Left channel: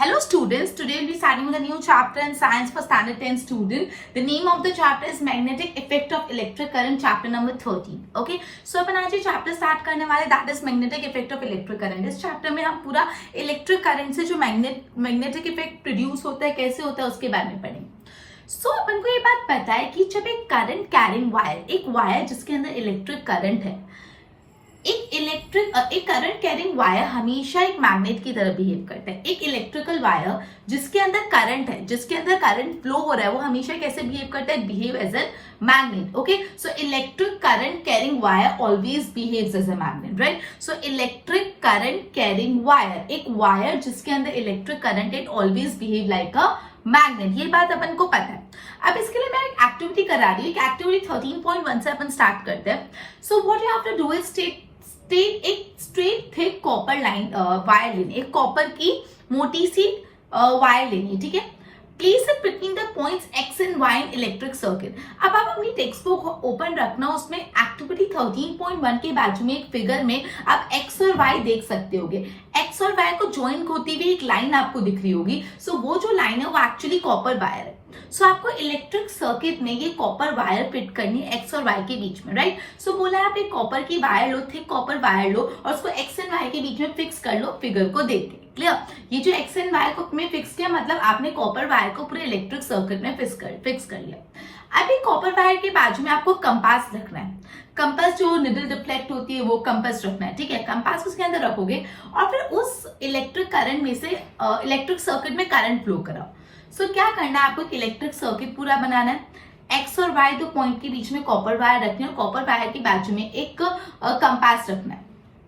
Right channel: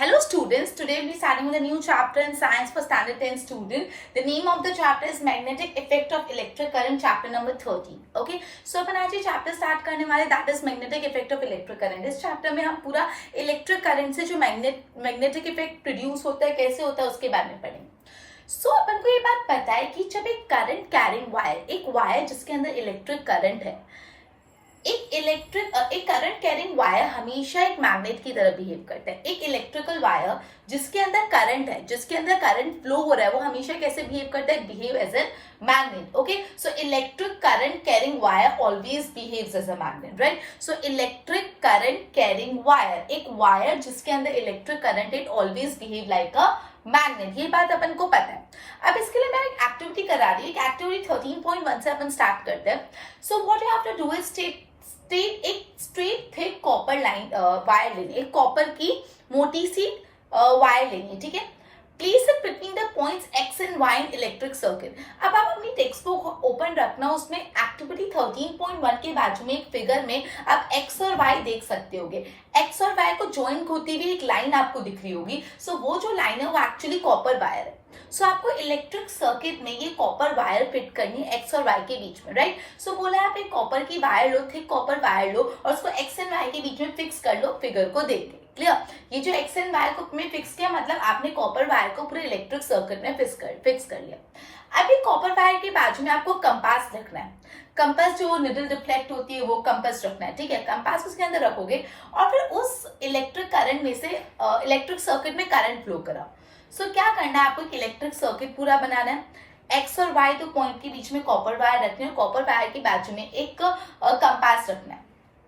Hello students, today we'll be starting with a new chapter in science for standard 10 student. The name of the chapter is magnetic effect of electric current, chapter number 13. Okay, so अपन आज ये chapter start करने वाले, that is magnetic effect of electric current. इस chapter में हम पूरा electric current से जो magnetic effect produce होता है, कैसे होता है, उसके बारे में पढ़ेंगे। So अपन को ये बात पता है कि जब एक current carrying wire, एक वायर जिसके अंदर इलेक्ट्रिक करंट है, एक करंट कैरिंग वायर हमेशा एक मैग्नेट की तरह बिहेव करता है। एक इलेक्ट्रिकल वायर जिसके अंदर करंट है, जिसके अंदर करंट फ्लो हो रहा है, वो हमेशा कैसे बिहेव करता है? Behave as a magnet. Okay, so electric current carrying wire always behaves as a magnet, right? So electric current carrying wire, एक वायर जिसके अंदर electric current, it always behave like a magnet. ये बात अपन को पता है। अब इसके लिए मैं एक एक्टिविटी करा रही हूँ। एक्टिविटी 13.1 से अपन स्टार्ट करते हैं। So what you have to do is एक straight thick copper line wire लेनी, एक कॉपर की मोटी सी वायर लेनी, ठीक है? Place it between the points X and Y in electric circuit. अब आप अपनी टेक्स्ट बुक ओपन रखना, उसमें एक्टिविटी 13.1 के बाजू में एक फिगर में आप एक्स और वाई देख सकते होगे। एक्स और वाई को ज्वाइन होती हुई एक लाइन आपको दिख रही होगी। सो वो जो लाइन है वो एक्चुअली कॉपर वायर है। सो आपको इलेक्ट्रिक सर्किट में ये कॉपर वायर फिट करनी है एक्स और वाई के बीच में, राइट? सो बोला है आप एक कॉपर की वायर लो, थिक कॉपर वायर लो और उसको एक्स एंड वाई के बीच में फिक्स कर लो, फिगर को देख के। क्लियर? ये जो एक्स एंड वाई को में फिक्स किया, मतलब आपने कॉपर वायर को पूरे इलेक्ट्रिक सर्किट में फिक्स कर लिया। अब ये कॉपर वायर के बाजू में आपको कंपास रखना है। कंपास जो निडल डिफ्लेक्ट होती है वो कंपास रखना है, ठीक है? कंपास उसके अंदर रखोगे और फिर उस इलेक्ट्रिक करंट में से इलेक्ट्रिक सर्किट में करंट फ्लो कराओ। सो क्या करना है आपको? इलेक्ट्रिक सर्किट पूरा बनाना है। एक्स और वाई दो पॉइंट के बीच में कॉपर वायर रखनी है और कॉपर वायर के बाजू में एक कंपास रखना है।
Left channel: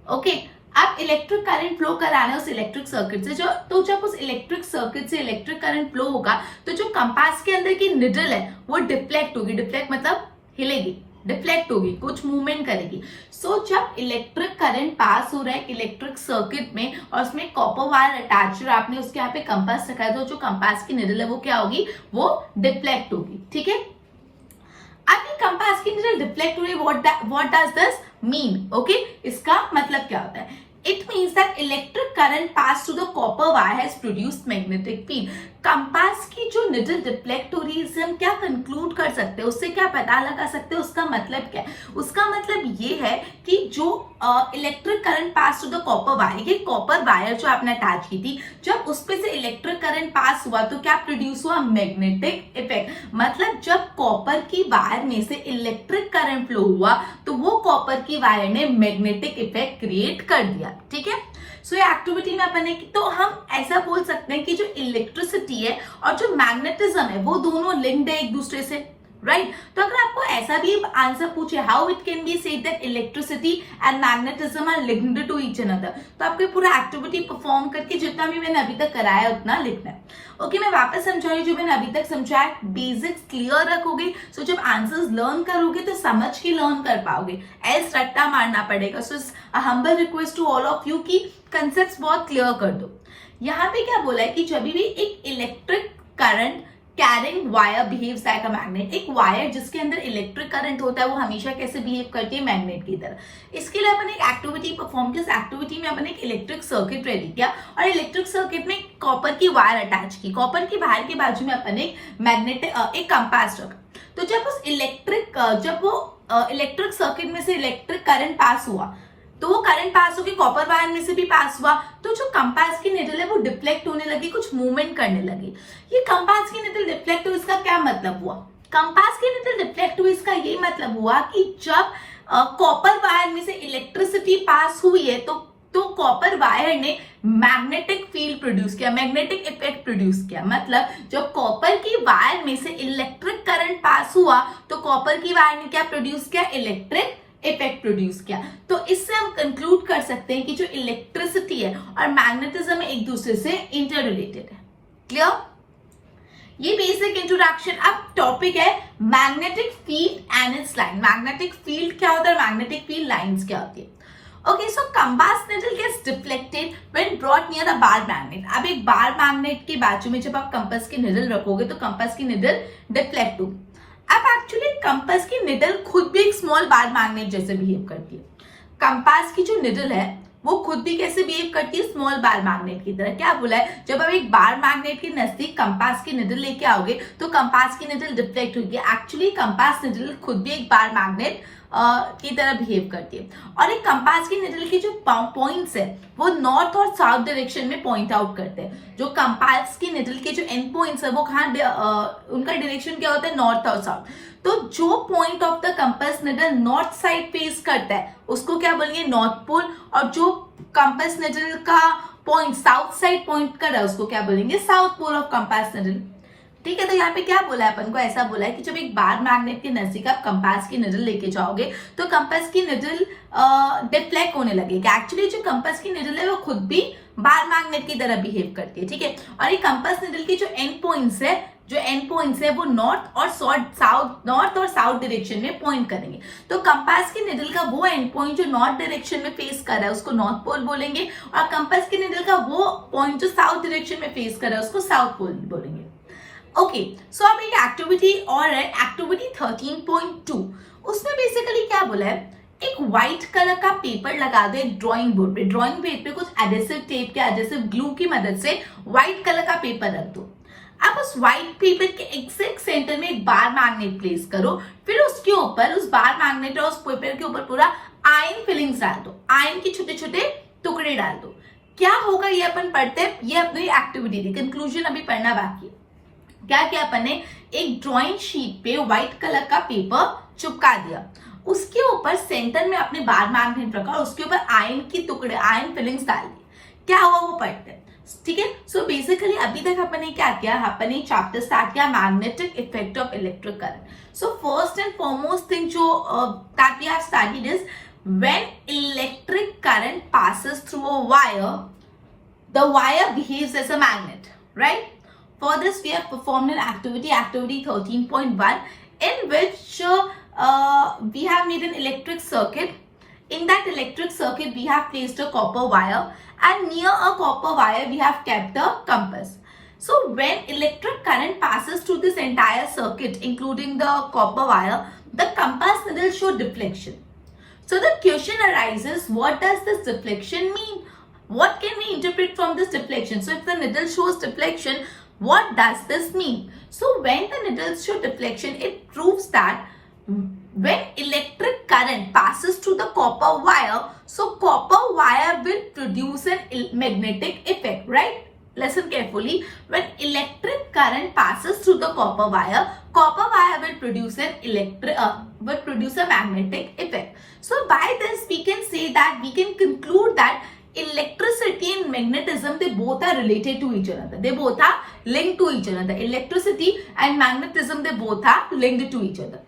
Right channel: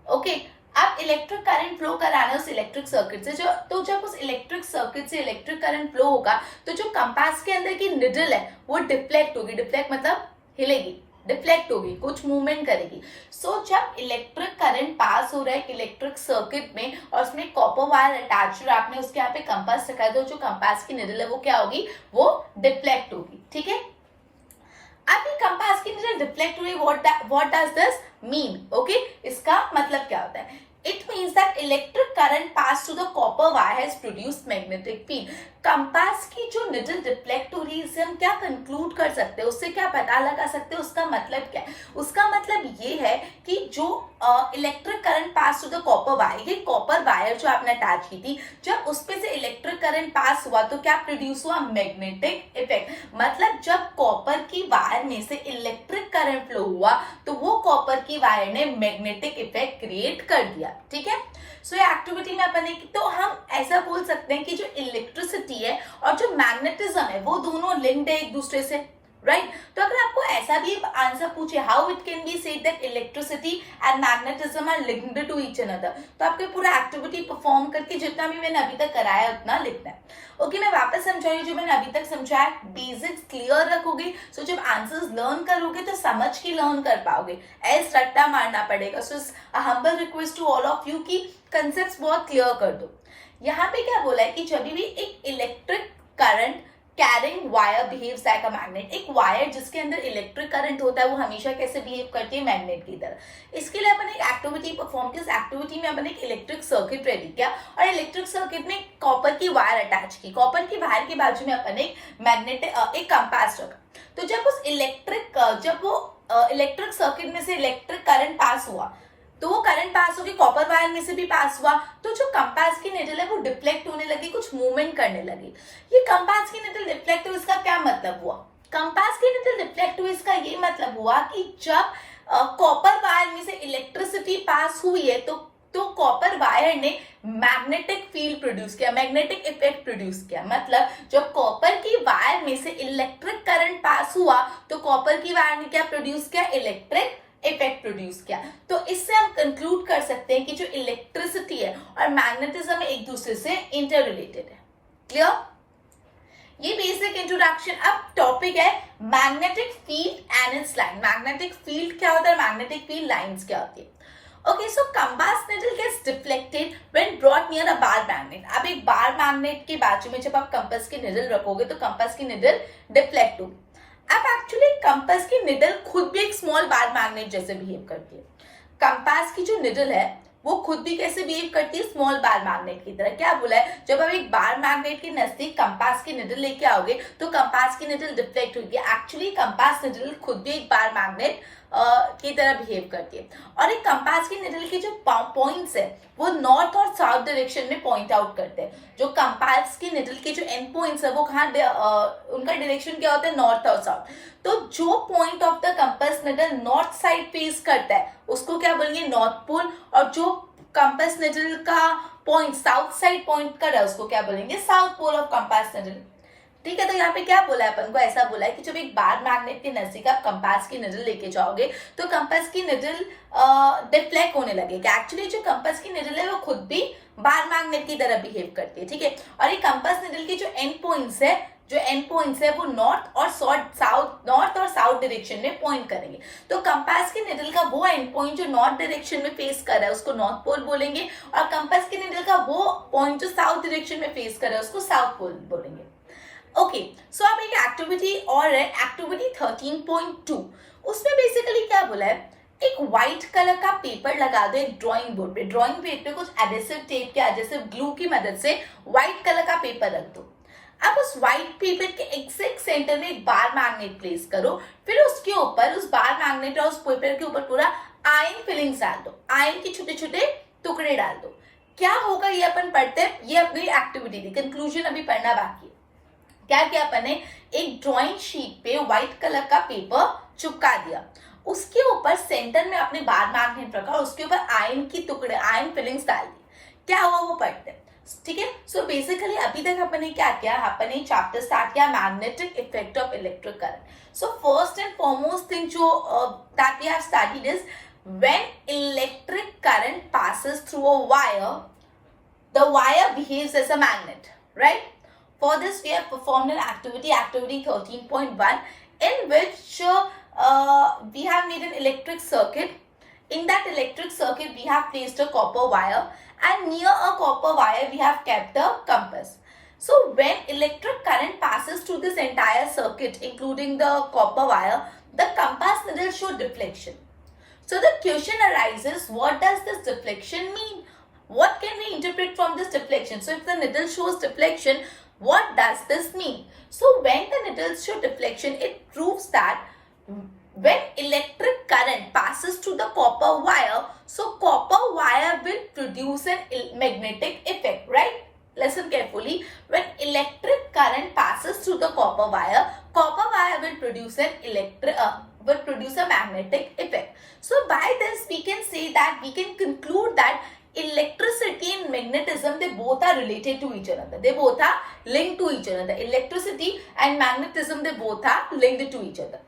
ओके, अब इलेक्ट्रिक करंट फ्लो कराना है उस इलेक्ट्रिक सर्किट से। तो जब उस इलेक्ट्रिक सर्किट से इलेक्ट्रिक करंट फ्लो होगा तो जो कंपास के अंदर की निडल है वो डिफ्लेक्ट होगी। डिफ्लेक्ट मतलब हिलेगी, डिफ्लेक्ट होगी, कुछ मूवमेंट करेगी। सो जब इलेक्ट्रिक करंट पास हो रहा है इलेक्ट्रिक सर्किट में और उसमें कॉपर वायर अटैच, आपने उसके यहाँ पे कंपास रखा है, तो जो कंपास की निडल है वो क्या होगी? वो डिफ्लेक्ट होगी, ठीक है? अब ये कंपास की निडल डिफ्लेक्ट हुई, what does this mean? Okay, इसका मतलब क्या होता है? It means that electric current passed through the copper wire has produced magnetic field. Compass की जो निडल डिफ्लेक्ट हो रही है, इससे हम क्या कंक्लूड कर सकते हैं, उससे क्या पता लगा सकते हैं, उसका मतलब क्या है? उसका मतलब ये है कि जो electric current pass through the copper wire, ये कॉपर वायर जो आपने अटैच की थी, जब उस पे से इलेक्ट्रिक करंट पास हुआ तो क्या प्रोड्यूस हुआ? Magnetic effect. मतलब जब कॉपर की वायर में से इलेक्ट्रिक करंट फ्लो हुआ तो वो कॉपर की वायर ने मैग्नेटिक इफेक्ट क्रिएट कर दिया, ठीक है? सो ये एक्टिविटी में अपन ने, तो हम ऐसा बोल सकते हैं कि जो इलेक्ट्रिसिटी है और जो मैग्नेटिज्म है वो दोनों लिंक्ड है एक दूसरे से, राइट? तो अगर आपको ऐसा भी आंसर पूछे, how it can be said that electricity and magnetism are linked to each another, तो आपको पूरा एक्टिविटी परफॉर्म करके जितना भी मैंने अभी तक कराया उतना लिखना है। ओके, मैं वापस समझाऊंगी जो मैंने अभी तक समझाया। बेसिक्स क्लियर रखोगे, सो जब आंसर्स लर्न करोगे तो समझ के लर्न कर पाओगे, एल्स रट्टा मारना पड़ेगा। So humble request to all of you की कंसेप्ट्स बहुत क्लियर कर दो। यहाँ पे क्या बोला है कि जब भी एक electric current carrying wire behaves like a magnet, एक वायर जिसके अंदर इलेक्ट्रिक करंट होता है वो हमेशा कैसे बिहेव करती है? मैग्नेट की तरह। इसके लिए अपन एक एक्टिविटी परफॉर्म की। इस एक्टिविटी में अपन एक इलेक्ट्रिक सर्किट रेडी किया और इलेक्ट्रिक सर्किट में कॉपर की वायर अटैच की। कॉपर की वायर के बाजू में अपन एक एक कंपास रखा। तो जब उस इलेक्ट्रिक सर्किट में से इलेक्ट्रिक करंट पास हुआ तो वो करंट पास होगी, कॉपर वायर में से भी पास हुआ, तो जो कंपास की निडल है वो डिफ्लेक्ट होने लगी, कुछ मूवमेंट करने लगी। ये कंपास की निडल डिफ्लेक्ट हुई, इसका क्या मतलब हुआ? कंपास की निडल डिफ्लेक्ट हुई, इसका ये मतलब हुआ कि जब कॉपर वायर में से इलेक्ट्रिसिटी पास हुई है तो कॉपर वायर ने मैग्नेटिक फील्ड प्रोड्यूस किया, मैग्नेटिक इफेक्ट प्रोड्यूस किया। मतलब जब कॉपर की वायर में से इलेक्ट्रिक करंट पास हुआ तो कॉपर की वायर ने क्या प्रोड्यूस किया? इलेक्ट्रिक इफेक्ट प्रोड्यूस किया। तो इससे हम कंक्लूड कर सकते हैं कि जो इलेक्ट्रिसिटी है और मैग्नेटिज्म है एक दूसरे से इंटर रिलेटेड है। क्लियर? ये बेसिक इंट्रोडक्शन। अब टॉपिक है magnetic field and its line. Magnetic field क्या होता है, मैग्नेटिक फील्ड लाइंस क्या होती है? Okay, so compass needle gets deflected when brought near a bar magnet. अब एक बार मैग्नेट के बाजू में जब आप कंपास की निडल रखोगे तो कंपास की निडल डिफ्लेक्ट होगी। अब एक्चुअली कंपास की निडल खुद भी एक स्मॉल बार मैग्नेट जैसे बिहेव करती है। कंपास की जो निडल है वो खुद भी कैसे बिहेव करती है, स्मॉल बार मैग्नेट की तरह। क्या बोला है, जब आप एक बार मैग्नेट के नजदीक कंपास की निडल लेके आओगे तो कंपास की निडल डिफ्लेक्ट होगी। एक्चुअली कंपास निडल खुद भी एक बार मैग्नेट की तरह बिहेव करती है। और एक कंपास की निडल के जो पॉइंट्स है वो नॉर्थ और साउथ डायरेक्शन में पॉइंट आउट करते हैं। जो कंपास की निडल के जो एंड पॉइंट्स है वो कहाँ, उनका डायरेक्शन क्या होता है, नॉर्थ और साउथ। तो जो point of the compass needle north side face करता है उसको क्या बोलेंगे, नॉर्थ पोल। और जो कंपास निडल का पॉइंट साउथ साइड पॉइंट कर रहा है उसको क्या बोलेंगे, south pole of compass needle. ठीक है, तो यहाँ पे क्या बोला है अपन को, ऐसा बोला है कि जब एक बार मैग्नेट के नजदीक आप कंपास की निडल लेके जाओगे तो कंपास की निडल डिफ्लेक्ट होने लगेगी। एक्चुअली जो कंपास की निडल है वो खुद भी बार मैग्नेट की तरह बिहेव करती है। ठीक है, और ये कंपास निडल के जो एंड पॉइंट्स है वो नॉर्थ और साउथ डायरेक्शन में पॉइंट करेंगे। तो कंपास की निडल का वो एंड पॉइंट जो नॉर्थ डायरेक्शन में फेस कर रहा है उसको नॉर्थ पोल बोलेंगे, और कंपास की निडल का वो पॉइंट जो साउथ डायरेक्शन में फेस कर रहा है उसको साउथ पोल बोलेंगे। ओके, सो अब एक एक्टिविटी और है, एक्टिविटी 13.2। उसमें बेसिकली क्या बोला है, एक व्हाइट कलर का पेपर लगा दो एक ड्राइंग बोर्ड पे। ड्राइंग बोर्ड पे कुछ एडेसिव टेप या एडेसिव ग्लू की मदद से व्हाइट कलर का पेपर रख दो। अब उस व्हाइट पेपर के एग्जैक्ट सेंटर में एक बार मैग्नेट प्लेस करो, फिर उसके ऊपर उस बार मैग्नेट और उस पेपर के ऊपर पूरा आयन फिलिंग्स डाल दो, आयन के छोटे छोटे टुकड़े डाल दो। क्या होगा ये अपन पढ़ते हैं, ये अपनी एक्टिविटी थी, कंक्लूजन अभी पढ़ना बाकी। क्या किया अपन ने, एक ड्राइंग शीट पे व्हाइट कलर का पेपर चिपका दिया, उसके ऊपर सेंटर में अपने बार मैग्नेट रखा और उसके ऊपर आयन की टुकड़े, आयन फिलिंग्स डाल दी। क्या हुआ वो पढ़ते हैं। ठीक है, सो बेसिकली अभी तक अपन ने क्या किया, अपन ने चैप्टर स्टार्ट किया magnetic effect of electric current. So first and foremost thing जो that we have studied is when electric current passes through a wire, the wire behaves as a magnet, right? For this we have performed an activity 13.1, in which we have made an electric circuit. In that electric circuit we have placed a copper wire, and near a copper wire we have kept a compass. So when electric current passes through this entire circuit including the copper wire, the compass needle show deflection. So the question arises, what does this deflection mean? What can we interpret from this deflection? So if the needle shows deflection, what does this mean? So when the needles show deflection, it proves that when electric current passes through the copper wire, so copper wire will produce an magnetic effect, right? Listen carefully. When electric current passes through the copper wire will produce a magnetic effect. So by this we can say that, we can conclude that electricity and magnetism, they both are related to each other. They both are linked to each other. Electricity and magnetism, they both are linked to each other.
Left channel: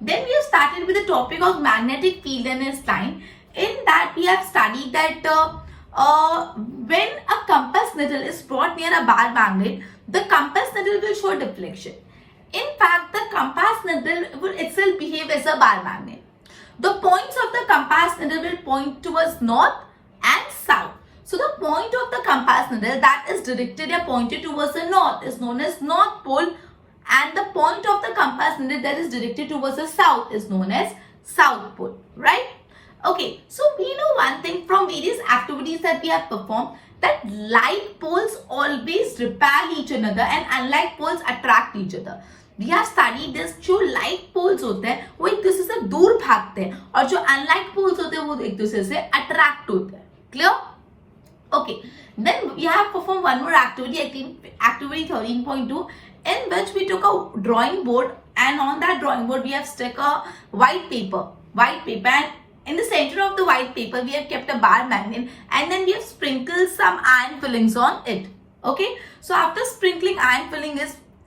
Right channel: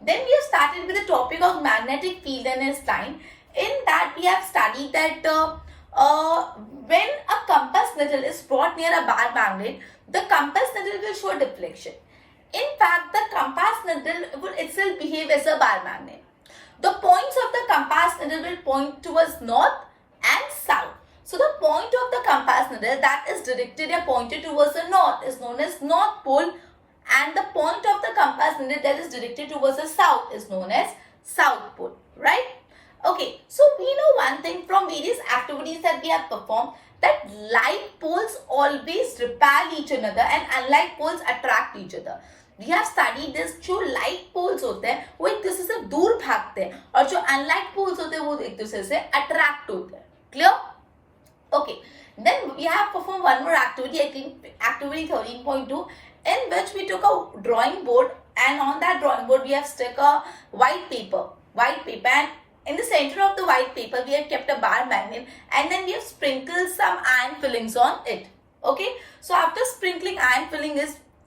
Then we have started with the topic of magnetic field and its line. In that we have studied that when a compass needle is brought near a bar magnet, the compass needle will show deflection. In fact, the compass needle will itself behave as a bar magnet. The points of the compass needle will point towards north and south. So the point of the compass needle that is directed or pointed towards the north is known as north pole, and the point of the compass needle that is directed towards the south is known as south pole, right? Okay, so we know one thing from various activities that we have performed, that like poles always repel each another and unlike poles attract each other. We have studied this. जो like poles होते हैं वो एक दूसरे से दूर भागते हैं, और जो unlike poles होते हैं वो एक दूसरे से attract होते हैं. Clear? Okay. Then we have performed one more activity, I think activity 13.2, in which we took a drawing board, and on that drawing board we have stuck a white paper, and in the center of the white paper we have kept a bar magnet, and then we have sprinkled some iron fillings on it. Okay, so after sprinkling iron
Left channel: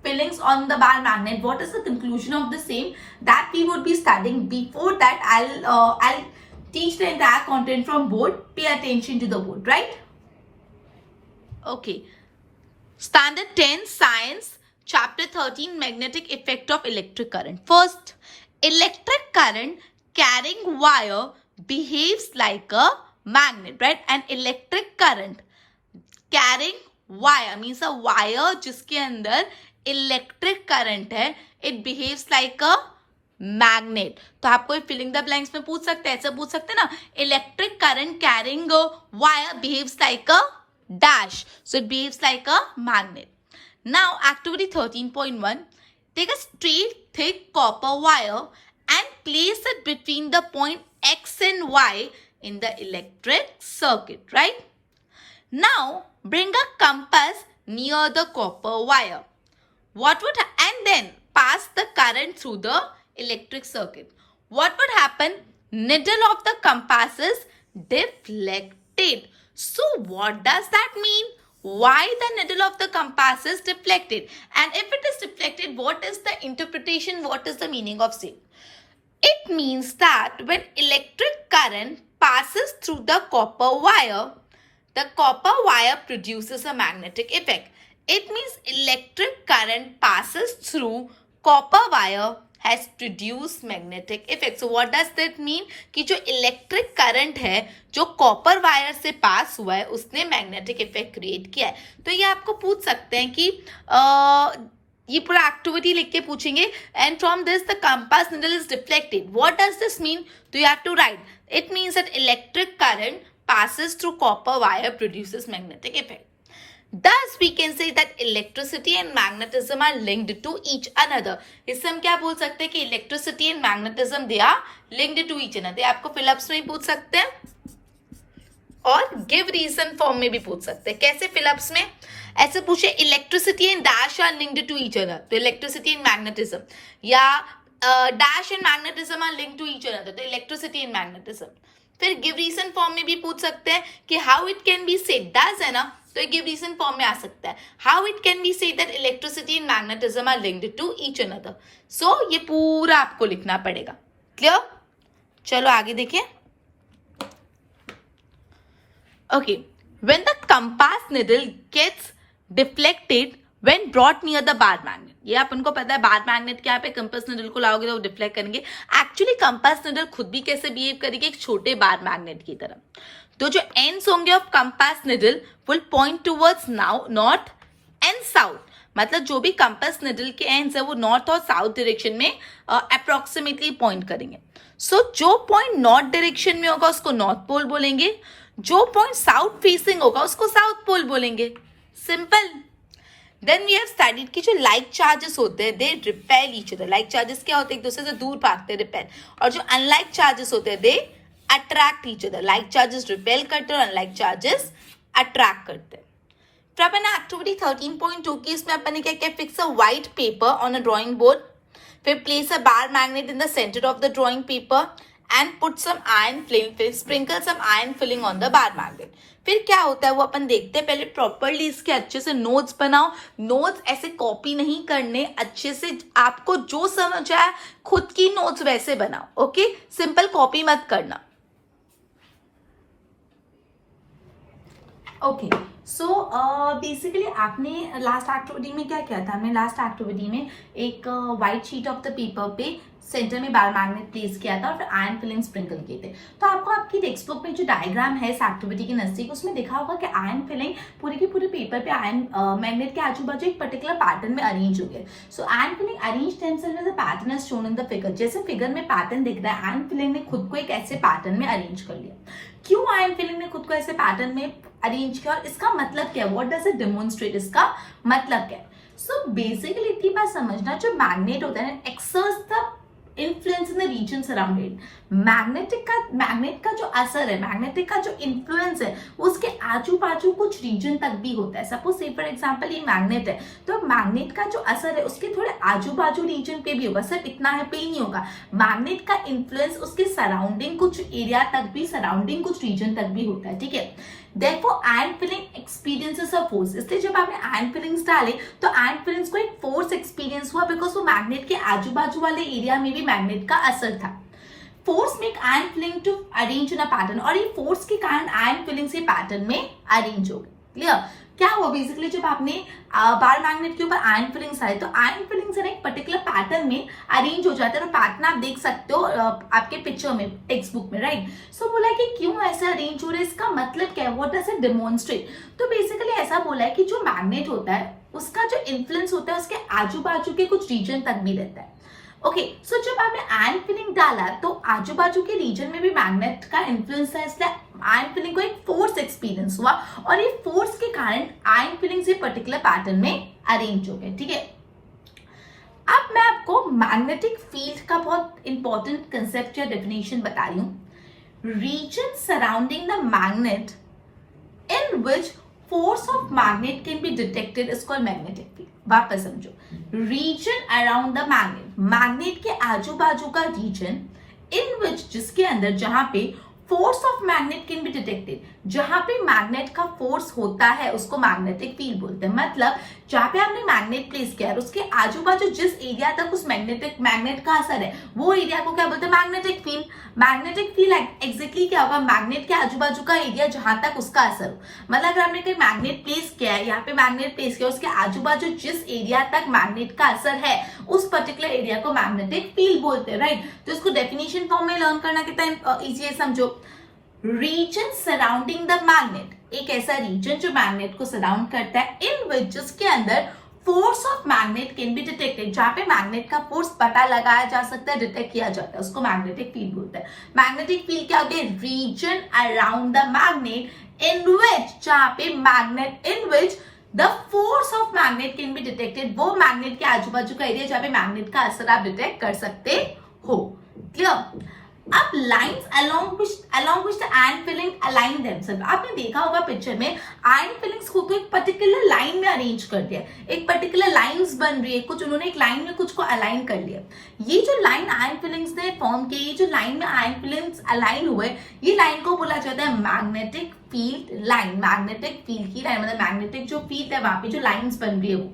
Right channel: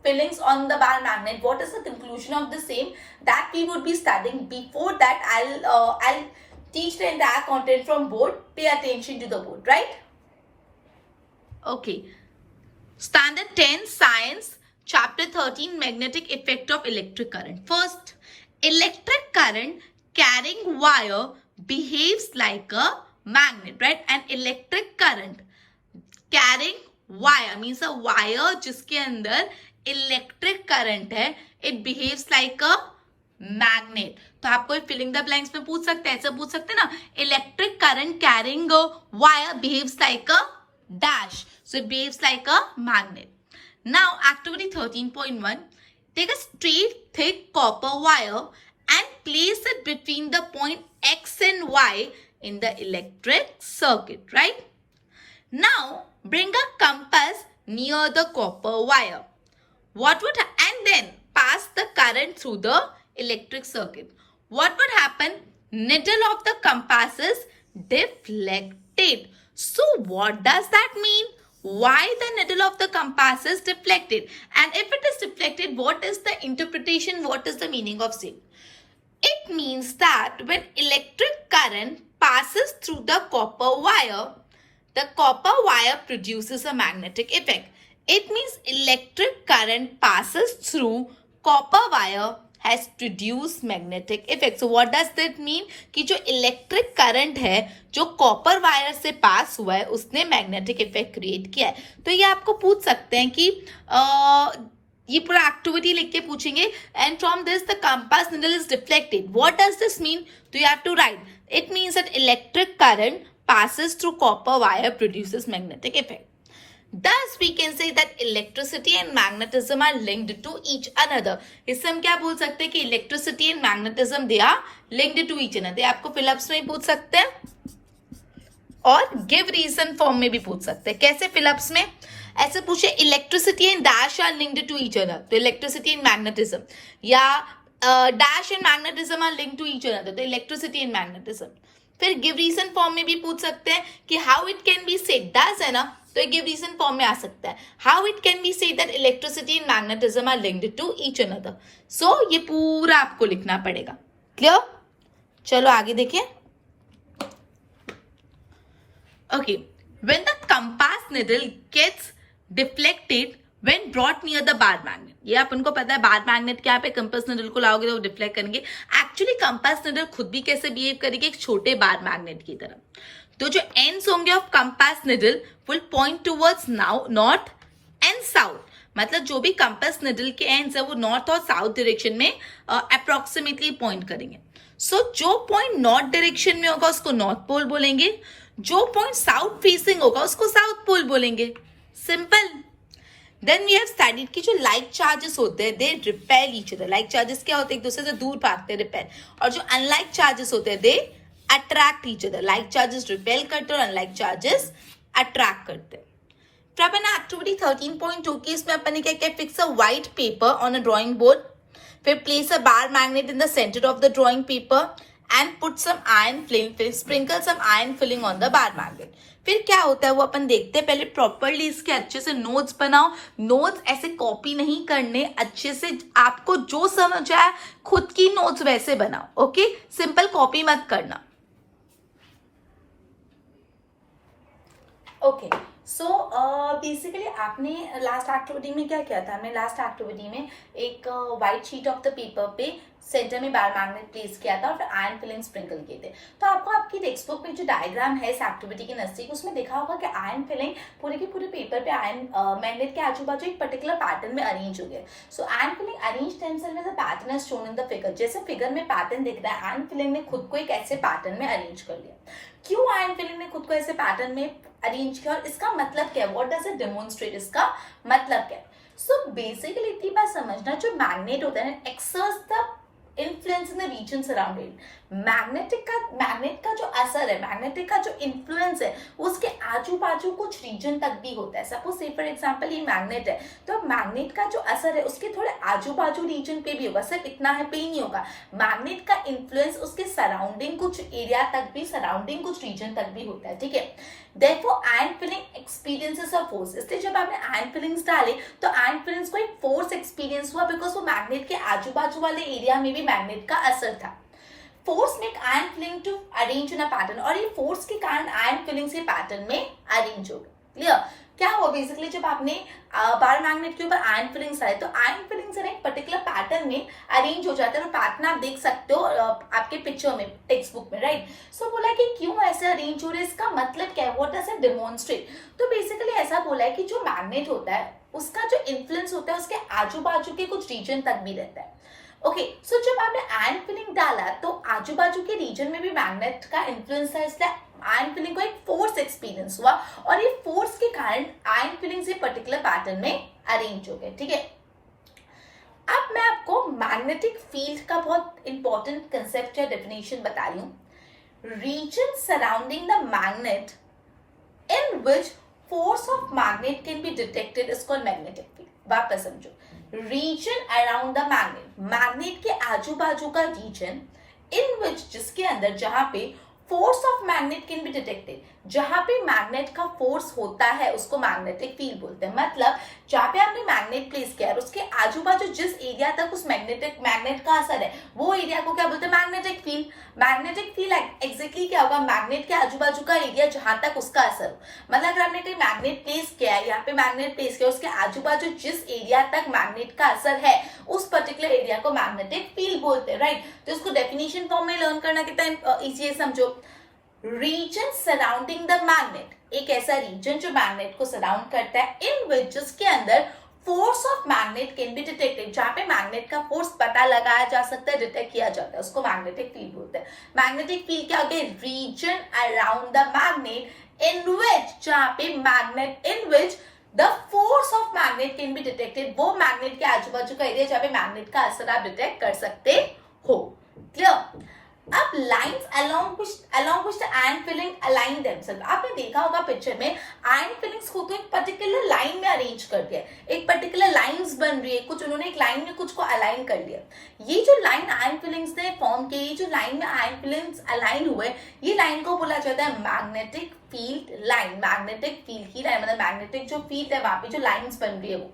fillings on the bar magnet, what is the conclusion of the same, that we would be studying. Before that I'll teach the entire content from board. Pay attention to the board, right? Okay, standard 10 science, chapter 13, magnetic effect of electric current. First, electric current carrying wire behaves like a magnet, right? An electric current carrying wire means a wire जिसके अंदर electric current है, it behaves like a magnet. तो आपको filling the blanks में पूछ सकते हैं, ऐसे पूछ सकते हैं ना, electric current carrying wire behaves like a dash, so it behaves like a magnet. Now activity 13.1, take a straight thick copper wire and place it between the point X and Y in the electric circuit, right? Now bring a compass near the copper wire. What would and then pass the current through the electric circuit. What would happen? Needle of the compass is deflected. So what does that mean? Why the needle of the compass is deflected? And if it is deflected, what is the interpretation? What is the meaning of same? It means that when electric current passes through the copper wire produces a magnetic effect. It means electric current passes through copper wire has produced magnetic effect. So what does that mean? कि जो electric current है जो copper wire से पास हुआ है उसने magnetic effect create किया है। तो ये आपको पूछ सकते हैं कि ये पूरा एक्टिविटी लिख के पूछेंगे, and from this the compass needle is deflected. What does this mean? तो you have to write it means that electric current passes through copper wire produces magnetic effect. Thus, we can say that electricity and magnetism are linked to each another. इससे हम क्या बोल सकते हैं कि electricity and magnetism they are linked to each another. आपको fill-ups में ही पूछ सकते हैं और give reason form में भी पूछ सकते हैं। कैसे फिलअप्स में? ऐसे पूछे electricity and dash are linked to each other, तो इलेक्ट्रिसिटी एंड मैग्नेटिज्म, या dash and magnetism are linked to each other, तो इलेक्ट्रिसिटी एंड मैग्नेटिज्म। फिर गिव रीजन फॉर्म में भी पूछ सकते हैं कि how it can be said, does है ना, तो गिव रीजन फॉर्म में आ सकता है, how it can be said that electricity and magnetism are linked to each other. So ये पूरा आपको लिखना पड़ेगा। क्लियर? चलो आगे देखिए। Okay, when the compass needle gets deflected when brought near the bar magnet, ये अपन को पता है बार मैग्नेट क्या पे, कंपास निडल को लाओगे तो वो डिफ्लेक्ट करेंगे। एक्चुअली कंपास निडल खुद भी कैसे बिहेव करेगी? एक छोटे बार मैग्नेट की तरह। तो जो एंड्स होंगे of compass needle will point towards north and south, मतलब जो भी कंपास निडल के एंड्स है वो नॉर्थ और साउथ डायरेक्शन में अप्रोक्सीमेटली पॉइंट करेंगे। सो जो पॉइंट नॉर्थ डायरेक्शन में होगा उसको नॉर्थ पोल बोलेंगे, जो पॉइंट साउथ फेसिंग होगा उसको साउथ पोल बोलेंगे। Simple. Then we have studied कि जो लाइक चार्जेस होते हैं they repel each other. Like charges क्या होते हैं? एक दूसरे से दूर भागते हैं, रिपेल। और जो अनलाइक चार्जेस होते हैं they attract each other. Like charges repel करते हैं और अनलाइक चार्जेस अट्रैक्ट करते हैं। फिर अपन एक्टिविटी 13.2 की इसमें अपन ने क्या किया? Fix a white paper on a drawing board, फिर place a bar magnet in the centre of the drawing paper and put some iron filing, फिर sprinkle some iron filing on the bar magnet. फिर क्या होता है वो अपन देखते हैं। पहले प्रॉपरली इसके अच्छे से नोट्स बनाओ। नोट्स ऐसे कॉपी नहीं करने, अच्छे से आपको जो समझ आए खुद की नोट्स वैसे बनाओ। ओके, सिंपल कॉपी मत करना। ओके, सो बेसिकली आपने लास्ट एक्टिविटी में क्या किया था? हमने लास्ट एक्टिविटी में एक white sheet of the paper पे सेंटर में बार मैग्नेट प्लेस किया था और फिर आयरन फिलिंग स्प्रिंकल किए थे। तो आपको आपकी टेक्स्ट बुक में जो डायग्राम है इस एक्टिविटी के नजदीक उसमें देखा होगा कि आयरन फिलिंग पूरे के पूरे पेपर पे आयरन मैग्नेट के आजू बाजू एक पर्टिकुलर पैटर्न में अरेंज हो गए। So iron filling arrange themselves as a pattern as shown in the figure. जैसे फिगर में पैटर्न दिख रहा है, आयरन फिलिंग ने खुद को एक ऐसे पैटर्न में अरेंज कर लिया। क्यों आयरन फिलिंग ने खुद को ऐसे पैटर्न में अरेंज किया और इसका मतलब क्या है? What does it demonstrate? इसका मतलब क्या है? सो बेसिकली इतनी बात समझना, जो मैग्नेट होता है exerts the influence in the regions around it. Magnet का जो असर है, मैग्नेटिक का जो इन्फ्लुएंस है उसके आजू बाजू कुछ रीजन तक भी होता है। सपोज से फॉर एग्जांपल ये मैग्नेट है, तो मैग्नेट का जो असर है उसके थोड़े आजू बाजू रीजन पे भी होगा, सिर्फ इतना है पे ही नहीं होगा। मैग्नेट का इन्फ्लुएंस उसके सराउंडिंग कुछ एरिया तक भी, सराउंडिंग कुछ रीजन तक भी होता है। ठीक है, Therefore, iron filling experiences a force. इसलिए जब आपने iron fillings डाले तो iron fillings को एक फोर्स एक्सपीरियंस हुआ, बिकॉज वो मैग्नेट के आजू बाजू वाले एरिया में भी मैग्नेट का असर था। Force make iron filing to arrange in a pattern, और ये फोर्स के कारण आयरन फिलिंग से पैटर्न में अरेंज हो गए। क्लियर? क्या हुआ बेसिकली जब आपने बार मैग्नेट के ऊपर आयरन फिलिंग्स आए तो आयरन फिलिंग्स एक पर्टिकुलर पैटर्न में अरेंज हो जाते हैं। और पैटर्न आप देख सकते हो आपके पिक्चर में, टेक्स्ट बुक में, राइट? सो बोला कि क्यों ऐसे अरेंज हो रहे हैं, इसका मतलब क्या है, व्हाट डज इट डेमोन्स्ट्रेट? तो बेसिकली ऐसा बोला है कि जो मैग्नेट होता है उसका जो इन्फ्लुएंस होता है उसके आजू बाजू के कुछ रीजन तक भी रहता है। ओके, सो जब आपने आयन फीलिंग डाला तो आजू बाजू के रीजन में भी मैग्नेट का इन्फ्लुएंस था, इसलिए आयन फीलिंग को एक फोर्स एक्सपीरियंस हुआ और ये फोर्स के कारण आयन फीलिंग्स ये पर्टिकुलर पैटर्न में अरेंज हो गए। ठीक है, अब मैं आपको मैग्नेटिक फील्ड का बहुत इंपॉर्टेंट कंसेप्ट या डेफिनेशन बता रही हूं। Region surrounding the magnet in which force of magnet can be detected is called magnetic field। वापस समझो, region around the magnet, magnet के आजू बाजू का region in which, जिसके अंदर, जहां पे force of magnet can be detected, जहां पे मैग्नेट का फोर्स होता है उसको मैग्नेटिक फील्ड बोलते हैं। मतलब जहां पे आपने मैग्नेट प्लेस किया है उसके आजू बाजू जिस एरिया तक उस मैग्नेट का असर है वो एरिया को क्या बोलते हैं, magnetic field. Magnetic field exactly क्या होगा, मैग्नेट के आजू बाजू का एरिया जहां तक उसका असर हो। मतलब अगर आपने कोई मैग्नेट प्लेस किया है, यहाँ पे मैग्नेट प्लेस किया, उसके आजू बाजू जिस एरिया तक मैग्नेट का असर है उस पर्टिकुलर एरिया को मैग्नेटिक फील्ड बोलते हैं, राइट। तो इसको डेफिनेशन फॉर्म में लर्न करना कितना इजी है, समझो। रीजन सराउंडिंग द मैग्नेट, एक ऐसा रीजन जो मैग्नेट को सराउंड करता है, इन विच, जिसके अंदर force of magnet can be detected, जहां पे मैग्नेट का फोर्स पता लगाया जा सकता है, डिटेक्ट किया जाता है, उसको मैग्नेटिक फील्ड बोलते हैं। मैग्नेटिक फील्ड क्या होती है, region around the magnet in which, जहां पे magnet in which the force of magnet can be detected, वो मैग्नेट के आजू बाजू का एरिया जहां पे मैग्नेट का असर आप डिटेक्ट कर सकते हो। क्लियर। अब lines along which the iron filling align themselves, आपने देखा होगा पिक्चर में आयन फिलिंग्स को एक पर्टिकुलर लाइन में अरेंज कर दिया, एक पर्टिकुलर लाइंस बन रही है, कुछ उन्होंने एक लाइन में कुछ को अलाइन कर लिया। ये जो लाइन आयन फिलिंग्स ने फॉर्म की, ये जो लाइन में आयन फिलिंग्स अलाइन हुए, ये लाइन को बोला जाता है magnetic field line. Magnetic field की लाइन मतलब मैग्नेटिक जो फील्ड है वहां पे जो लाइंस बन रही है वो।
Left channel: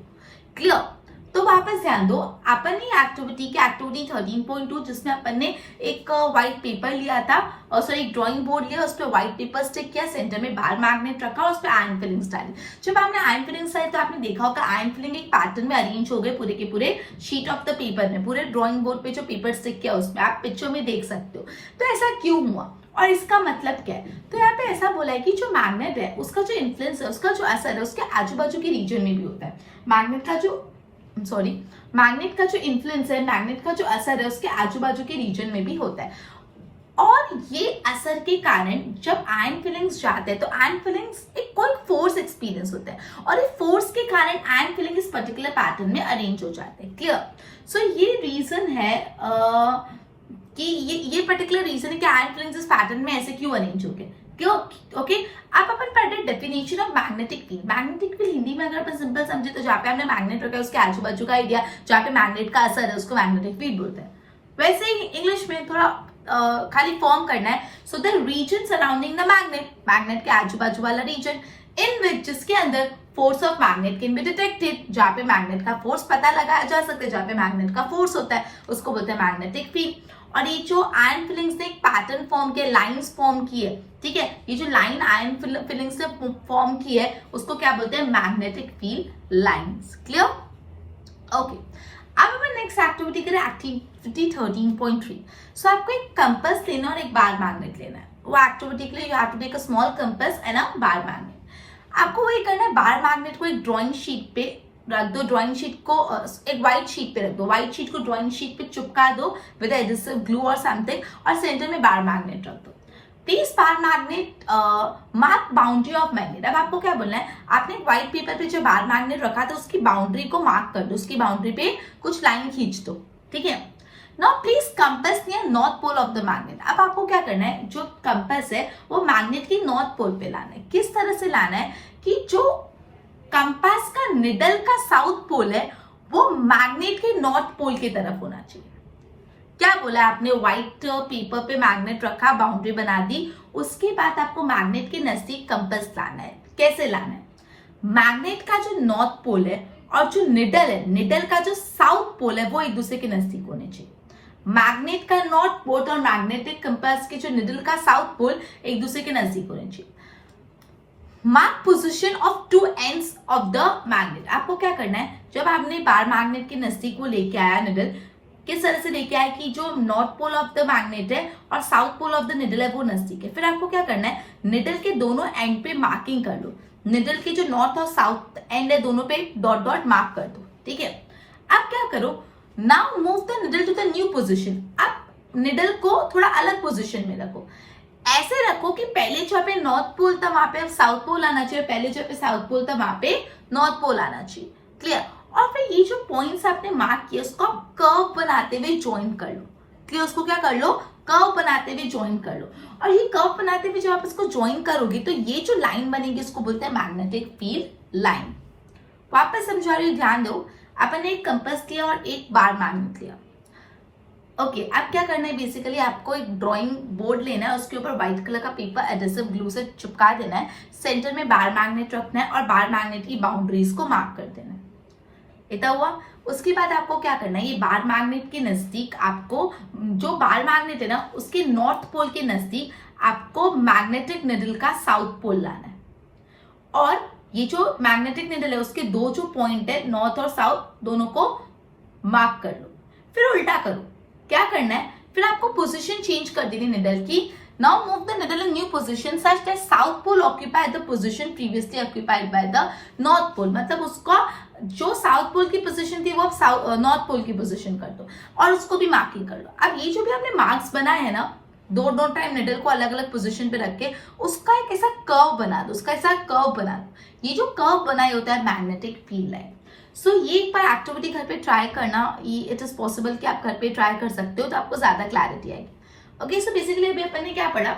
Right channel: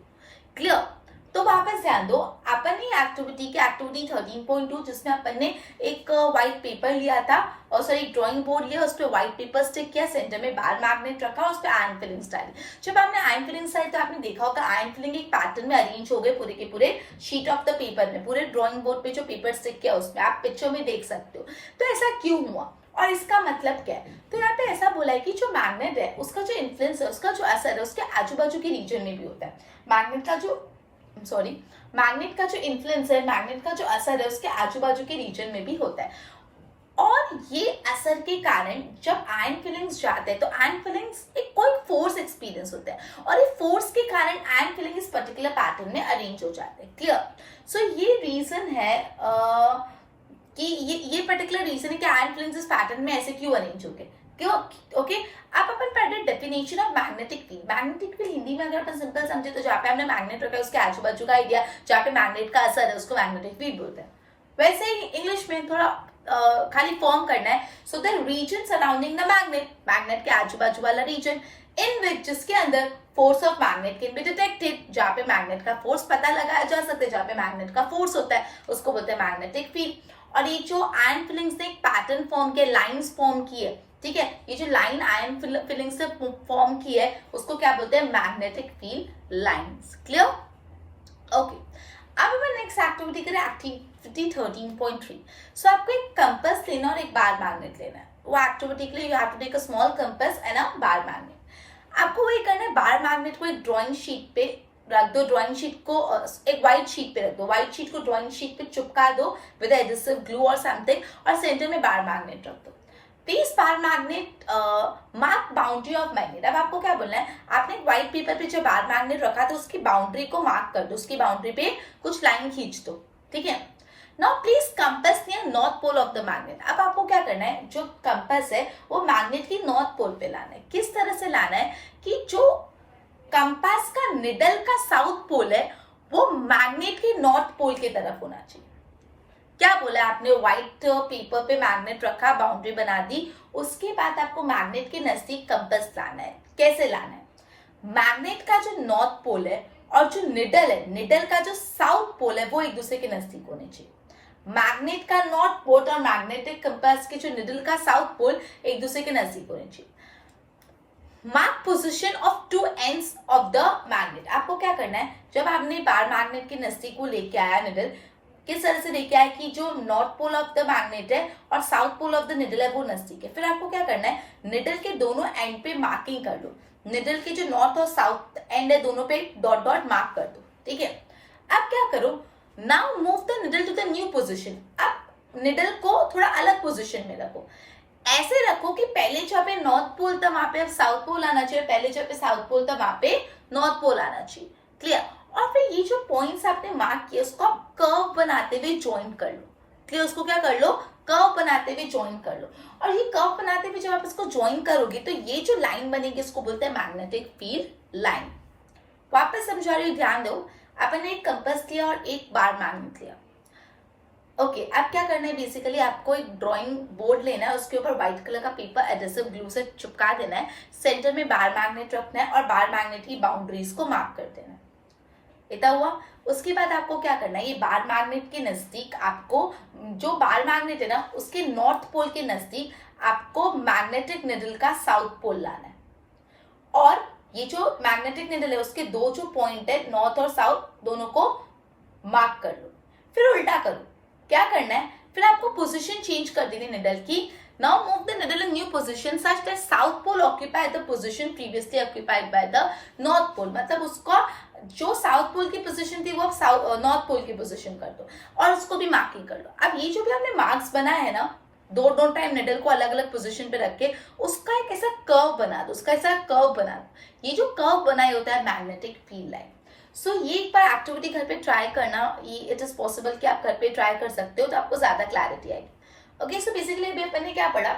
क्लियर। तो वापस ध्यान दो, अपन ने एक्टिविटी 13.2 जिसमें अपन ने एक व्हाइट पेपर लिया था, सॉरी एक ड्राइंग बोर्ड लिया, उस पर व्हाइट पेपर स्टिक किया, सेंटर में बार मैग्नेट रखा और उस पर आयन फिलिंग्स डाली। जब आपने आयन फिलिंग्स डाली तो आपने देखा होगा आयन फिलिंग एक पैटर्न में अरेंज हो गए पूरे के पूरे शीट ऑफ द पेपर में, पूरे ड्राइंग बोर्ड पे जो पेपर स्टिक किया उसमें, आप पिक्चर में देख सकते हो। तो ऐसा क्यों हुआ और इसका मतलब क्या है? तो यहाँ पे ऐसा बोला है कि जो मैग्नेट है उसका जो इन्फ्लुएंस है, उसका जो असर है उसके आजू बाजू के रीजन में भी होता है। मैग्नेट का जो इन्फ्लुएंस है, मैग्नेट का जो असर है उसके आजू बाजू के रीजन में भी होता है। और ये असर के कारण जब आयन फिलिंग्स जाते हैं तो आयन फिलिंग्स एक कोई फोर्स एक्सपीरियंस होता है और इस फोर्स के कारण आयन फिलिंग इस पर्टिकुलर पैटर्न में अरेंज हो जाते हैं। क्लियर। सो ये रीजन है कि ये पर्टिकुलर रीजन है कि आयन फिलिंग्स इस पैटर्न में ऐसे क्यों अरेंज हो गए। क्यों? ओके, आप अपन पढ़ रहे definition of magnetic field. Magnetic field Hindi में अगर अपन सिंपल समझे तो जहाँ पे हमने मैग्नेट रखा है उसके आजू बाजू का एरिया जहाँ पे मैग्नेट का असर है उसको मैग्नेटिक फील्ड बोलते हैं। वैसे ही इंग्लिश में थोड़ा खाली फॉर्म करना है। So the region surrounding the magnet, magnet के आजू बाजू वाला रीजन, इन विच, जिसके अंदर force of magnet can be detected, जहाँ पे मैग्नेट का फोर्स पता लगाया जा सकता है, जहाँ पे मैग्नेट का फोर्स होता है उसको बोलते हैं मैग्नेटिक फील्ड। और ये जो आयन फिलिंग्स ने एक पैटर्न फॉर्म किया, लाइंस फॉर्म की है, ठीक है, ये जो लाइन आयन फिलिंग्स ने फॉर्म की है उसको क्या बोलते हैं, magnetic field lines. Clear. Okay, अब हम नेक्स्ट एक्टिविटी करें, एक्टिविटी 13.3। सो आपको एक कंपास लेना और एक बार मैग्नेट लेना है। वो एक्टिविटी के लिए you have to take a small compass and a bar magnet. आपको वही करना है, बार मैग्नेट को एक ड्राइंग शीट पे रख दो, ड्राइंग शीट को एक व्हाइट शीट पे रख दो, व्हाइट शीट को ड्राइंग शीट पे चिपका दो विद एडहेसिव ग्लू और समथिंग, और सेंटर में बार मैग्नेट रख दो। Please bar magnet mark boundary of magnet. अब आपको क्या बोलना है, आपने व्हाइट पेपर पे जो बार मैग्नेट रखा था उसकी बाउंड्री को मार्क कर दो, उसकी बाउंड्री पे कुछ लाइन खींच दो, ठीक है। Now please compass near north pole of the magnet. अब आपको क्या करना है, जो कंपास है वो मैग्नेट की नॉर्थ पोल पे लाना है। किस तरह से लाना है कि जो कंपास का निडल का साउथ पोल है वो मैग्नेट के नॉर्थ पोल की तरफ होना चाहिए। क्या बोला आपने, व्हाइट पेपर पे मैग्नेट रखा, बाउंड्री बना दी, उसके बाद आपको मैग्नेट के नजदीक कंपास लाना है। कैसे लाना है, मैग्नेट का जो नॉर्थ पोल है और जो निडल है, निडल का जो साउथ पोल है वो एक दूसरे के नजदीक होने चाहिए। मैग्नेट का नॉर्थ पोल और मैग्नेटिक कंपास के जो निडल का साउथ पोल एक दूसरे के नजदीक होने चाहिए। Mark position of two ends of the magnet. आपको क्या करना है, जब आपने बार मैग्नेट के नजदीक वो लेके आया निडल, किस तरह से लेके आया कि जो north pole of the magnet है और south pole of the needle है वो नजदीक है। फिर आपको क्या करना है, निडल के दोनों एंड पे मार्किंग कर लो, निडल के जो नॉर्थ और साउथ एंड है दोनों पे डॉट डॉट मार्क कर दो, ठीक है। अब क्या करो, now move the needle to the new position. अब निडल को थोड़ा अलग पोजिशन में रखो, ऐसे रखो कि पहले जहाँ पे नॉर्थ पोल था वहां पे साउथ पोल आना चाहिए, पहले जहाँ पे साउथ पोल था वहां पे नॉर्थ पोल आना चाहिए। क्लियर? और फिर ये जो पॉइंट्स आपने मार्क किए उसको आप कर्व बनाते हुए ज्वाइन कर लो। क्लियर? उसको क्या कर लो? कर्व बनाते हुए ज्वाइन कर लो। और ये कर्व बनाते हुए जब आप इसको ज्वाइन करोगे तो ये जो लाइन बनेगी इसको बोलते हैं मैग्नेटिक फील्ड लाइन। वापस समझा रही हूँ, ध्यान दो। अपन ने एक कंपास लिया और एक बार मैग्नेट लिया। ओके, अब क्या करना है, बेसिकली आपको एक ड्राइंग बोर्ड लेना है, उसके ऊपर व्हाइट कलर का पेपर एडहेसिव ग्लू से चिपका देना है, सेंटर में बार मैग्नेट रखना है और बार मैग्नेट की बाउंड्रीज को मार्क कर देना है। इतना हुआ। उसके बाद आपको क्या करना है, ये बार मैग्नेट के नजदीक आपको, जो बार मैग्नेट है ना उसके नॉर्थ पोल के नजदीक आपको मैग्नेटिक निडल का साउथ पोल लाना है। और ये जो मैग्नेटिक निडल है उसके दो जो पॉइंट है नॉर्थ और साउथ दोनों को मार्क कर लो। फिर उल्टा करो। क्या करना है, फिर आपको पोजीशन चेंज कर देनी निडल की। Now move the needle in new position such that south pole occupy the position previously occupied by the north pole. मतलब उसका जो साउथ पोल की पोजीशन थी वो अब नॉर्थ पोल की पोजीशन कर दो और उसको भी मार्किंग कर लो। अब ये जो भी हमने मार्क्स बनाए हैं ना, दो टाइम निडल को अलग अलग पोजीशन पे रख के उसका एक ऐसा कर्व बना दो, उसका ऐसा कर्व बना दो। ये जो कर्व बनाए होता है मैग्नेटिक फील्ड लाइन। सो ये एक बार एक्टिविटी घर पे ट्राई करना, इट इज पॉसिबल कि आप घर पे ट्राई कर सकते हो तो आपको ज्यादा क्लैरिटी आएगी। ओके, सो बेसिकली अभी अपन ने क्या पढ़ा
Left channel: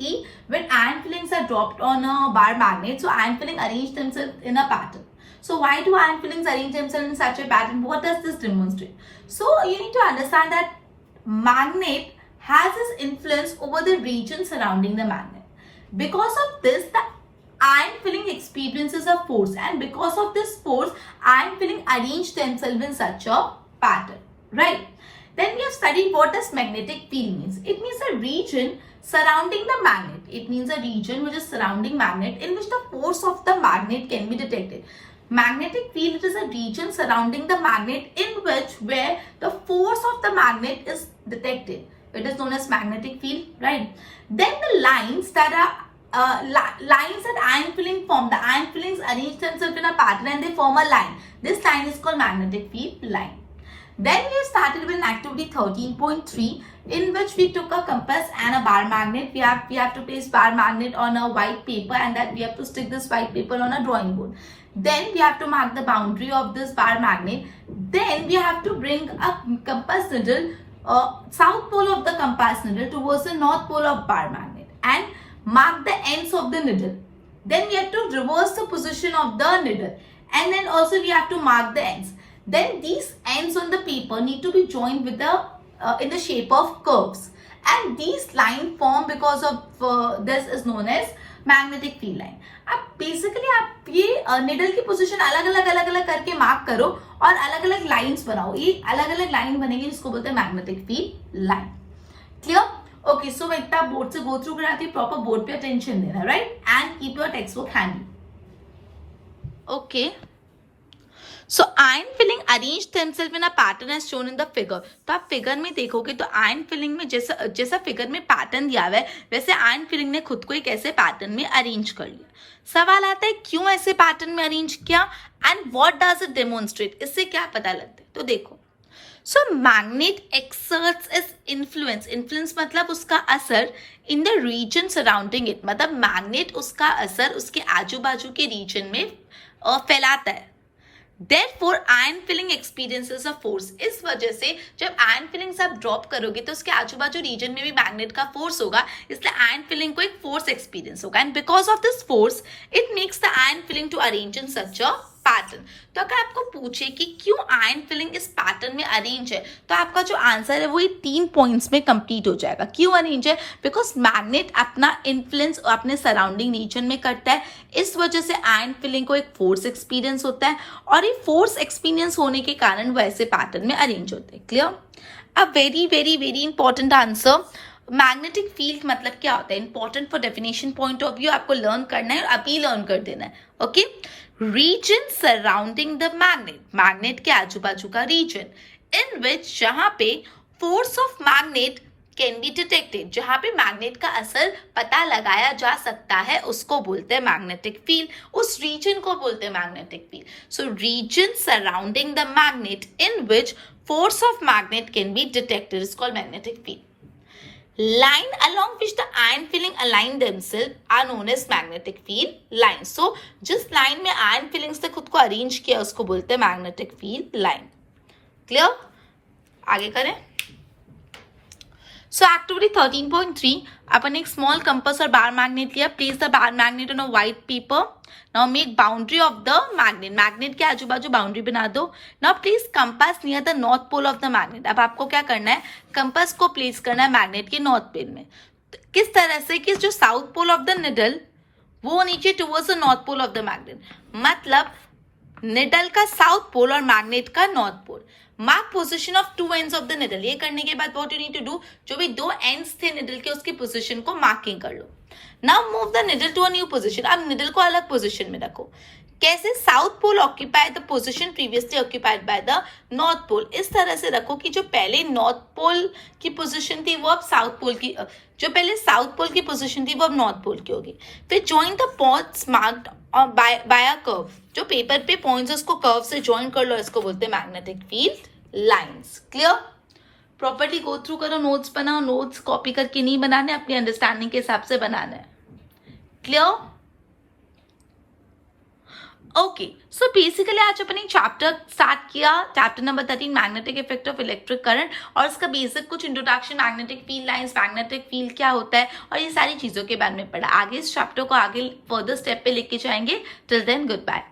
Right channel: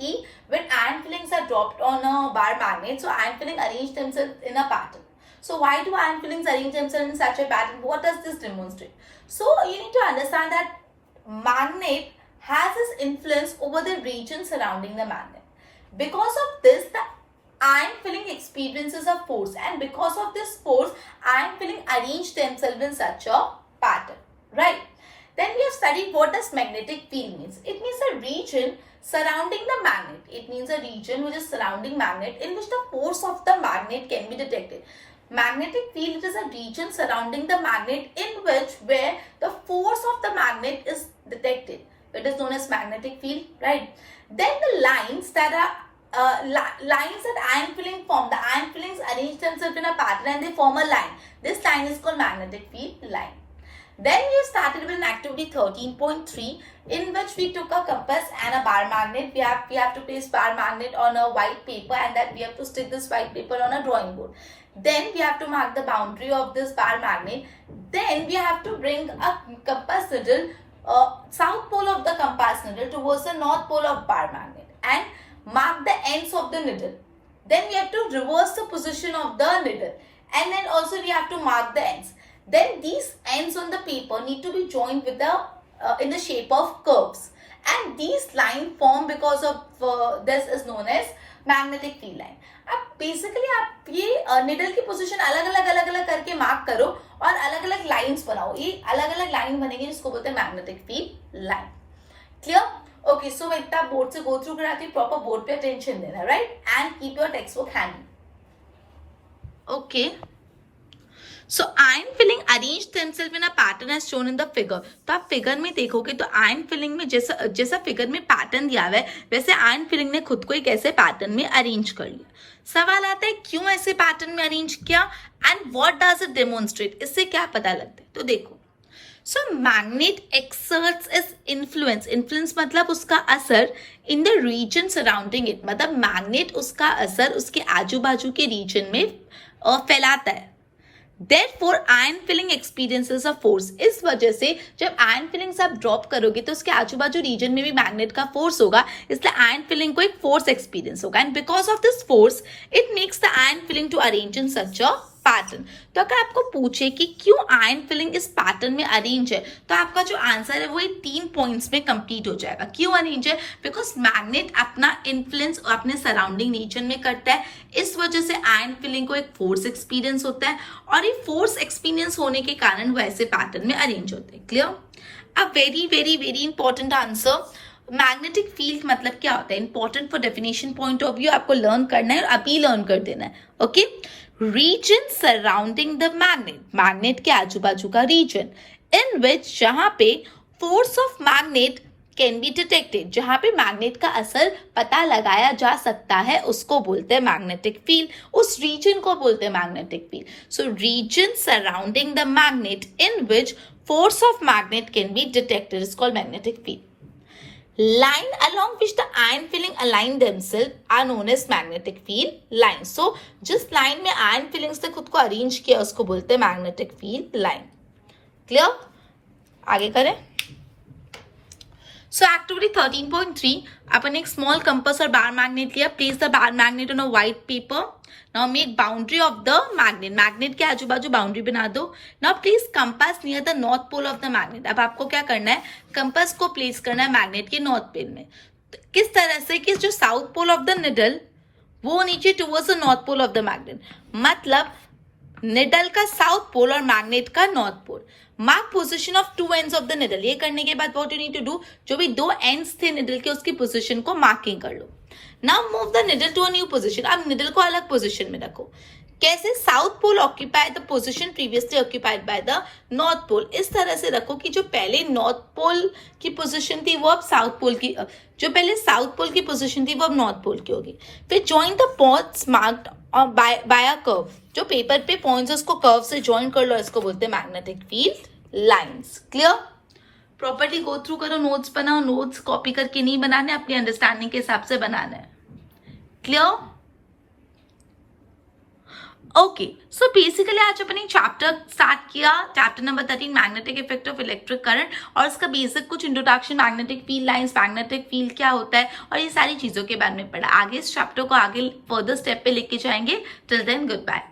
कि when iron fillings are dropped on a bar magnet, so iron filling arrange themselves in a pattern. So why do iron fillings arrange themselves in such a pattern? What does this demonstrate? So you need to understand that magnet has this influence over the region surrounding the magnet. Because of this, the iron filling experiences a force, and because of this force iron filling arrange themselves in such a pattern, right? Then we have studied what does magnetic field means. It means a region surrounding the magnet. It means a region which is surrounding magnet in which the force of the magnet can be detected. Magnetic field is a region surrounding the magnet in which where the force of the magnet is detected. It is known as magnetic field, right? Then the lines that are lines that iron filling form. The iron fillings arrange themselves in a pattern and they form a line. This line is called magnetic field line. Then we started with activity 13.3 in which we took a compass and a bar magnet. We have to place bar magnet on a white paper and then we have to stick this white paper on a drawing board. Then we have to mark the boundary of this bar magnet. Then we have to bring a compass needle, south pole of the compass needle towards the north pole of bar magnet and mark the ends of the needle. Then we have to reverse the position of the needle and then also we have to mark the ends. Then these ends on the paper need to be joined with the in the shape of curves, and these line form because of this is known as magnetic field line. अब basically आप ये needle की position अलग अलग करके mark करो और अलग अलग लाइंस बनाओ। ये अलग अलग लाइन बनेगी जिसको बोलते हैं magnetic field line. Clear? Okay, so मैं इतना बोर्ड से गो थ्रू कराती हूँ, प्रॉपर बोर्ड पे अटेंशन देना, right? And keep your text book handy. Okay, so iron filling arrange themselves in a pattern as shown in the figure। तो आप figure में देखोगे तो आयरन फिलिंग में जैसा फिगर में पैटर्न दिया हुआ है वैसे आयरन फिलिंग ने खुद को एक ऐसे पैटर्न में अरेंज कर लिया। सवाल आता है क्यों ऐसे पैटर्न में अरेंज किया and what does it demonstrate, इससे क्या पता लगता है? तो देखो, so magnet exerts is influence मतलब उसका असर in the region surrounding it, मतलब मैग्नेट उसका असर उसके आजू बाजू के रीजन में फैलाता है। Therefore, iron filling experiences a force। इस वजह से जब आयरन फिलिंग्स आप ड्रॉप करोगे तो उसके आजू बाजू रीजन में भी मैग्नेट का फोर्स होगा, इसलिए आयरन फिलिंग को एक फोर्स एक्सपीरियंस होगा and because of this force it makes the iron filing to arrange in such a pattern. तो अगर आपको पूछे कि क्यों आयरन फिलिंग इस पैटर्न में अरेंज है तो आपका जो आंसर है वो 3 पॉइंट्स में कंप्लीट हो जाएगा। क्यों अरेंज है? बिकॉज मैग्नेट अपना इन्फ्लुएंस अपने सराउंडिंग रीजन में करता है, इस वजह से आयरन फिलिंग को एक फोर्स एक्सपीरियंस होता है और ये फोर्स एक्सपीरियंस होने के कारण वो ऐसे पैटर्न में अरेंज होते हैं। Clear? A very very very important answer. Magnetic field मतलब क्या होता है? Important for definition point of view, आपको लर्न करना है और अभी लर्न कर देना है। Okay, region surrounding the magnet, magnet के आजू बाजू का रीजन इन विच जहां पे force of magnet can be detected, जहां पे मैग्नेट का असर पता लगाया जा सकता है उसको बोलते हैं मैग्नेटिक फील्ड, उस रीजन को बोलते हैं magnetic field. So region surrounding the magnet in which force of magnet can be detected is called magnetic field. Line along which the iron filling align themselves are known as magnetic field lines. So जिस line में iron fillings ने खुद को arrange किया उसको बोलते हैं magnetic field line. Clear? आगे करें. So activity 13.3, अपन एक small compass और bar magnet लिया. Place the bar magnet on a white paper. Now make boundary of the magnet. Magnet के आजू बाजू boundary बना दो. Now place compass near the north pole of the magnet. अब आपको क्या करना है, compass को place करना है magnet के north pole में. किस तरह से कि जो south pole of the needle वो नीचे towards the north pole of the magnet. मतलब निडल का साउथ पोल और मैग्नेट का north pole. Mark position of two ends of the needle. ये करने के बाद what you need to do, जो भी दो एंड्स थे निडल के उसकी पोजीशन को मार्किंग कर लो. Now move the needle to a new position. अब निडल को अलग पोजीशन में रखो. कैसे, south pole occupy the position previously occupied by the north pole. इस तरह से रखो कि जो पहले नॉर्थ पोल की पोजीशन थी वो अब साउथ पोल की, जो पहले साउथ पोल की पोजीशन थी वो अब नॉर्थ पोल की होगी. फिर join the points marked by a curve. जो पेपर पे पॉइंट्स उसको कर्व से जॉइन कर लो, इसको बोलते हैं magnetic field lines. Clear? Properly go through करो, नोट्स बनाओ. नोट्स कॉपी करके नहीं बनाने, अपनी अंडरस्टैंडिंग के हिसाब से बनाना है. क्लियर? ओके, सो बेसिकली आज अपने चैप्टर स्टार्ट किया, chapter number 13 magnetic effect of electric current, और इसका बेसिक कुछ introduction, magnetic field lines, magnetic field क्या होता है और ये सारी चीजों के बारे में पढ़ा. आगे इस चैप्टर को आगे फर्दर स्टेप पे लेके जाएंगे. Till then good bye.